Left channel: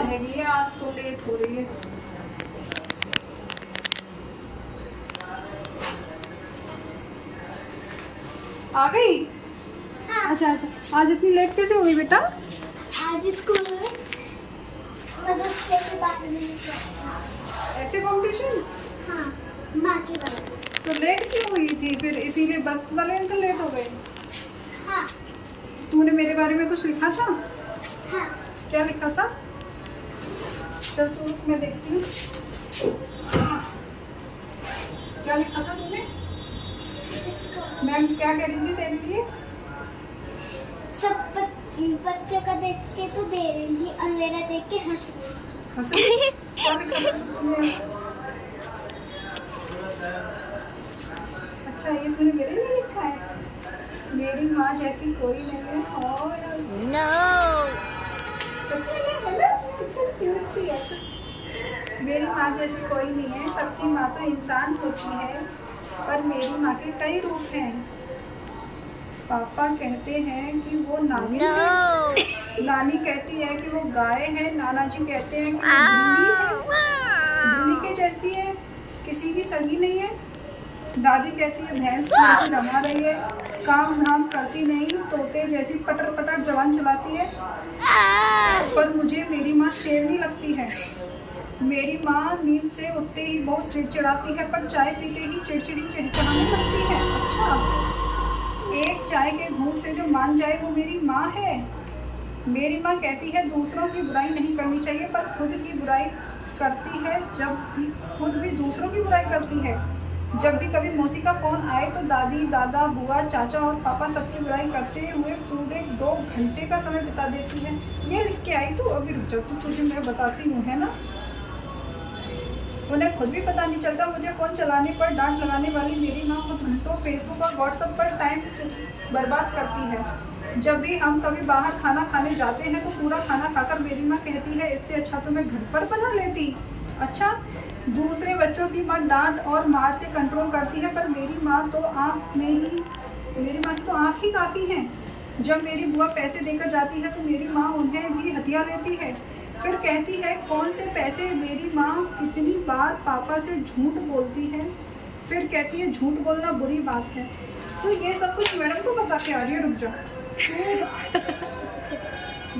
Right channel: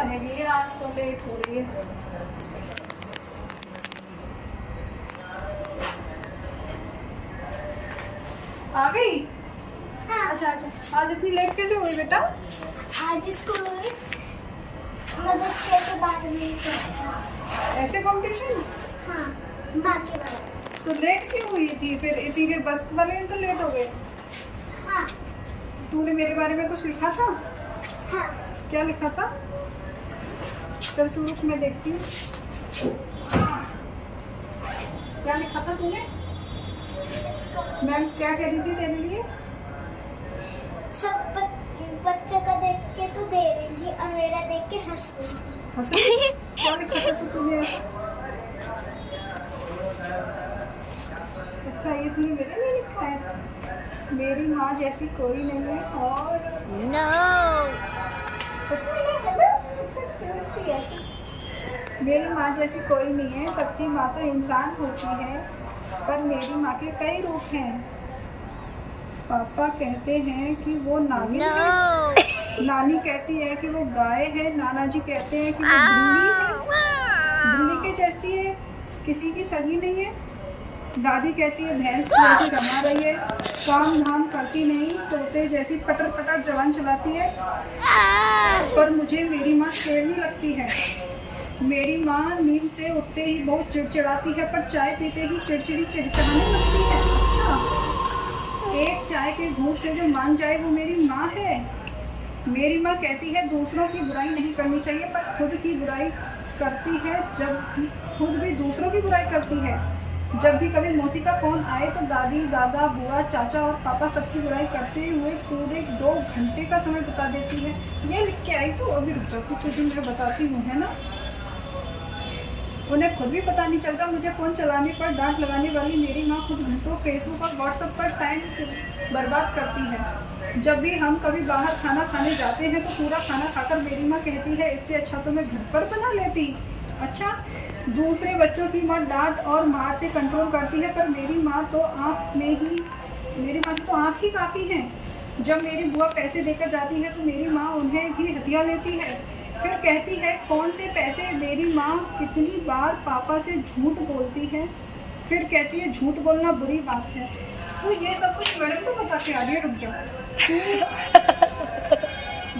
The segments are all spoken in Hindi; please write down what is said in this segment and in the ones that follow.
रेडी है, आज तो लेट हो रही है। आ गई? हाँ। अच्छा अच्छा, आज इतनी लेट कैसे हो गई बेटा? आज स्कूल में मदर्स डे के बारे में ऐसे कॉम्पिटिशन? हाँ, माँ के बारे में। तो लेट क्यों हुई थी फिर? इसी में बस वाले तो लेट हो गए। हाँ तूने मेरे बारे में कुछ लिखा था? हाँ। क्या लिखा था? चल तू रुक, मैं देखती हूँ। क्या लिखा था तूने? मैम क्या कह रही थी तेरे लिए? सब बच्चों का देख के तू दे रही है और मेरा देख के हंस रही है। हंसे? क्या लिखा था तूने? अच्छा, ये तूने मेरे लिए लिखा है? मेरी माँ जैसी कोई नहीं है और सच में ना, है ना? कितना क्यूट सी है। मेरी माँ जैसी कोई नहीं है, सबकी माँ तो इंसान होती है, पर मेरी माँ के कई रूप हैं। पापा कहते हैं कि वो नानी है, नानी कहती है कि वो गाय है, नाना जी कहते हैं कि वो बिल्ली के जैसी है, किसी की संगी नहीं है। दादी कहती है भैंस जैसी रमा रही है, काम धाम करती नहीं, तोते जैसी पटर पटर जवान चलाती है। पर मुझे मेरी माँ शेरनी लगती है। मेरी माँ नींद से उठते ही बहुत चिड़चिड़ाती है, पर चाय पीते ही चिड़चिड़ी चिड़चिड़ाने लगती है। अच्छा, एक चाय के घूंट से जो मान जाए वो मेरी माँ है। मेरी माँ कहती है दूसरों की बुराई नहीं करनी चाहिए, पर खुद की बुराई करती है। जब भी खुद भी दूसरों की बुराई करती है। जब भी कभी मौसी का फोन आए तो दादी, दादा, बुआ, चाचा और पापा सबकी बुराई करते हुए पूरे 2 घंटे का समय बिता देती है। ये लिख के आई तो अभी रुक जाओ, कुछ मैं बताती हूँ, है ना? उन्हें खुद भी पता नहीं चलता मुझे फोन चलाने पर डांट लगाने वाली मेरी माँ खुद घंटों फेसबुक और व्हाट्सएप पर टाइम बर्बाद करती है। जब भी हम कभी बाहर खाना खाने जाते हैं तो पूरा खाना खाकर मेरी माँ कहती है इससे अच्छा तो मैं घर पर बना लेती। अच्छा, दूसरे बच्चों की माँ डांट और मार से कंट्रोल करती है, पर मेरी माँ की तो आँख ही काफ़ी है। जब मेरी बुआ पैसे देकर जाती है तो मेरी माँ उन्हें भी हथिया लेती है, फिर कहती है कौन से पैसे। मेरी माँ कितनी बार पापा से झूठ बोलती है, फिर कहती है झूठ बोलना बुरी बात है। तो ये सब कुछ मैडम को बता के आ रही है। रुक जाओ,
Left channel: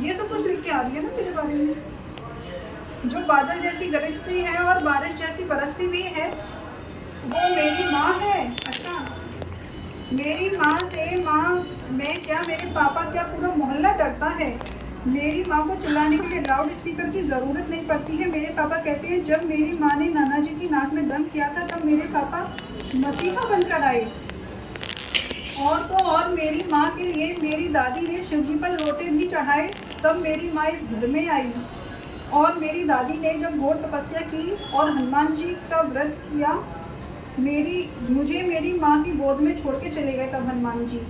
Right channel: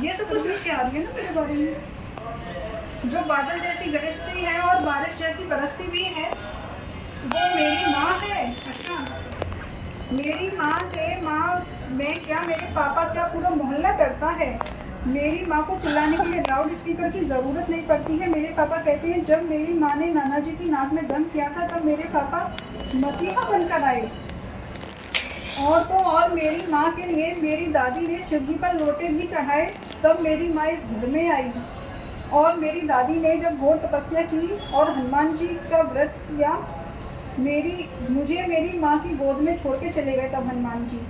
ये सब कुछ लिख के आ रही है ना तेरे बारे में। जो बादल जैसी गरजती है और बारिश जैसी बरसती भी है वो मेरी माँ है। अच्छा, मेरी माँ से मैं क्या, मेरे पापा क्या, पूरा मोहल्ला डरता है। मेरी माँ को चिल्लाने के लिए लाउड स्पीकर की ज़रूरत नहीं पड़ती है। मेरे पापा कहते हैं जब मेरी माँ ने नाना जी की नाक में दम किया था तब मेरे पापा मसीहा बनकर आए। और तो और मेरी माँ के लिए मेरी दादी ने शिव जी पर लोटे भी चढ़ाए, तब मेरी माँ इस घर में आई। और मेरी दादी ने जब घोर तपस्या की और हनुमान जी का व्रत किया, मुझे मेरी माँ की गोद में छोड़ के चले गए तब हनुमान जी।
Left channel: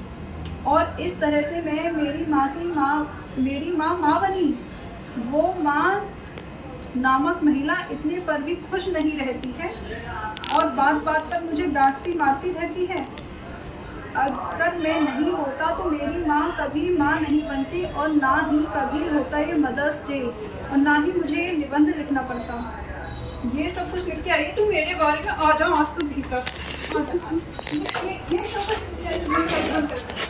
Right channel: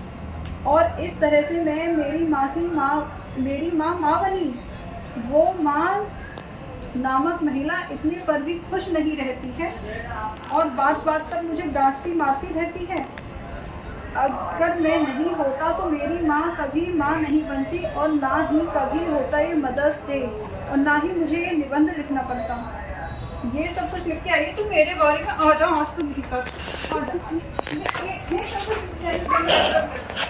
और इस तरह से मैं मेरी माँ बनी। वो माँ नामक महिला इतने पर भी खुश नहीं रहती है और बात बात पर मुझे डांटती मारती रहती है। अगर मैं नहीं होता तो मेरी माँ कभी माँ नहीं बनती और ना ही कभी होता ये मदर्स डे और ना ही मुझे ये निबंध लिखना पड़ता। ये सब कुछ लिख के आइए तुम मेरे बारे में। आ जाओ आज तुम भीतर, आ जाओ। ये सब कुछ